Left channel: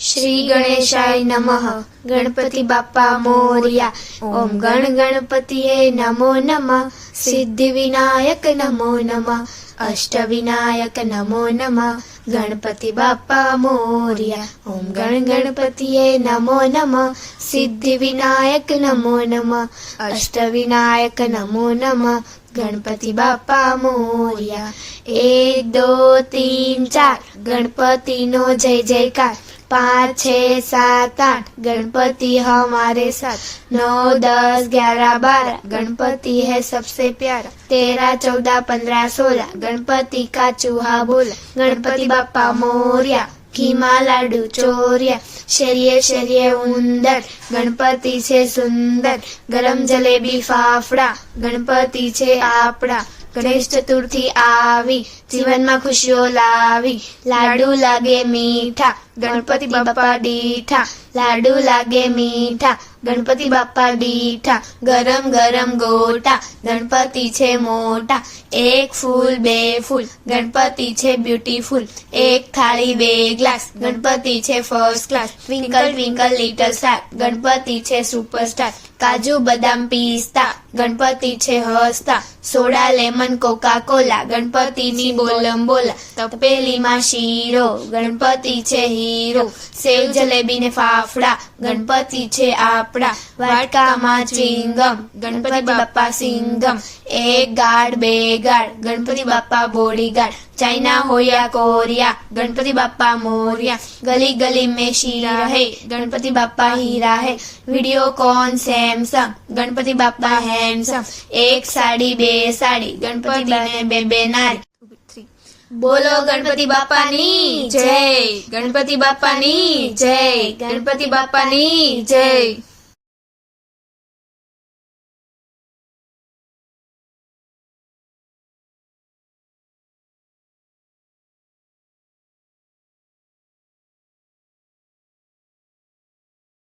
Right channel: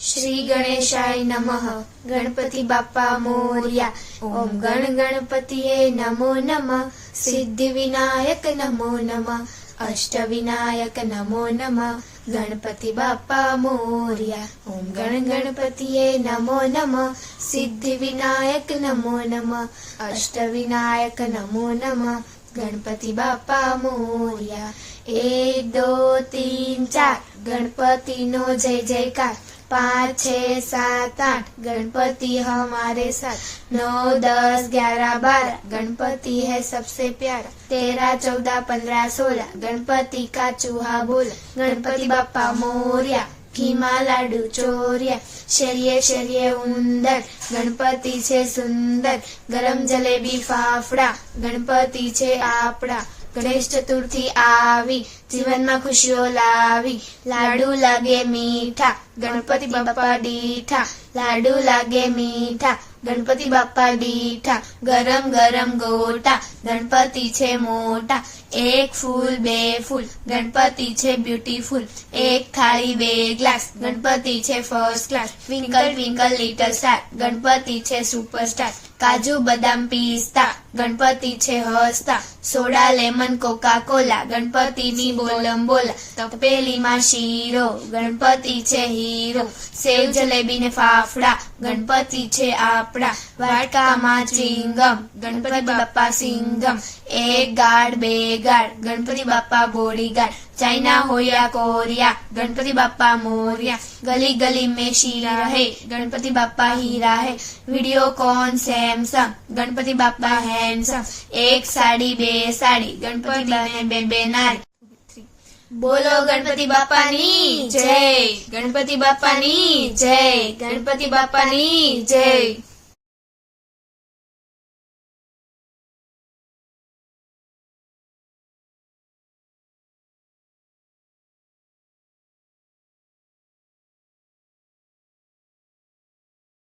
श्री गणेशाय नमः। गणपति बाप्पा मोरया। ओम गण गणपतिये नमो नमः। सिद्धि विनायक नमो नमः। अष्ट विनायक नमो नमः। गणपति बाप्पा मोरया। ओम गण गणपतिये नमो नमः। सिद्धि विनायक नमो नमः। अष्ट विनायक नमो नमः। गणपति बाप्पा मोरया। 1 2 3 4 गणपति नो जय जयकार। 5 6 7 8 गणपति हमारे साथ। 9 10 11 12 गणपति है सबसे प्यारा। 13 14 15 16 गणपति का चूहा बोला। गणपति बाप्पा मोरया। घीमा लाडू चोरिया। शरीये शरीये उंदर गणपति छे सुंदर। गरम जलेबी फाफड़ा गणपति छे आपड़ा। गणेश चतुर्थी आवी जीवन में खुशियों लावी। लाडू लागे मीठा गणपति बाप्पा डीठा। लाडू लागे मीठा गणपति बाप्पा डीठा। गरम गरम गोटा गणपति छे मोटा। 1 फूल 2 फूल गणपति छे ब्यूटीफुल। 1 थाली 2 ग्लास गणपति छे first class. Twinkle twinkle little star Ganpati छे सुपरस्टार। काजू बदाम पिस्ता गणपति छे हसता। Soda lemon Coca Cola Ganpati नी बोलम बोला। तपेली में शीरो गणपति छे हीरो। सेव जलेबी ने फाफड़ा गणपति छे आपड़ा। वाटका में चिंगम गणपति बाप्पा सिंगम। 1 गाड़ 2 गाड़ गणपति बाप्पा बॉडीगार्ड। चाइना हो या कोरिया गणपति बाप्पा मोरया। गली गली में शीरा है गणपति बाप्पा हीरा है। Videocon Samsung Ganpati Bappa handsome. 1 साड़ी 2 साड़ी गणपति ने 2 नारी। बोलो गणपति बाप्पा नी जय। गणपति बाप्पा नी जय। गणपति बाप्पा नी जय।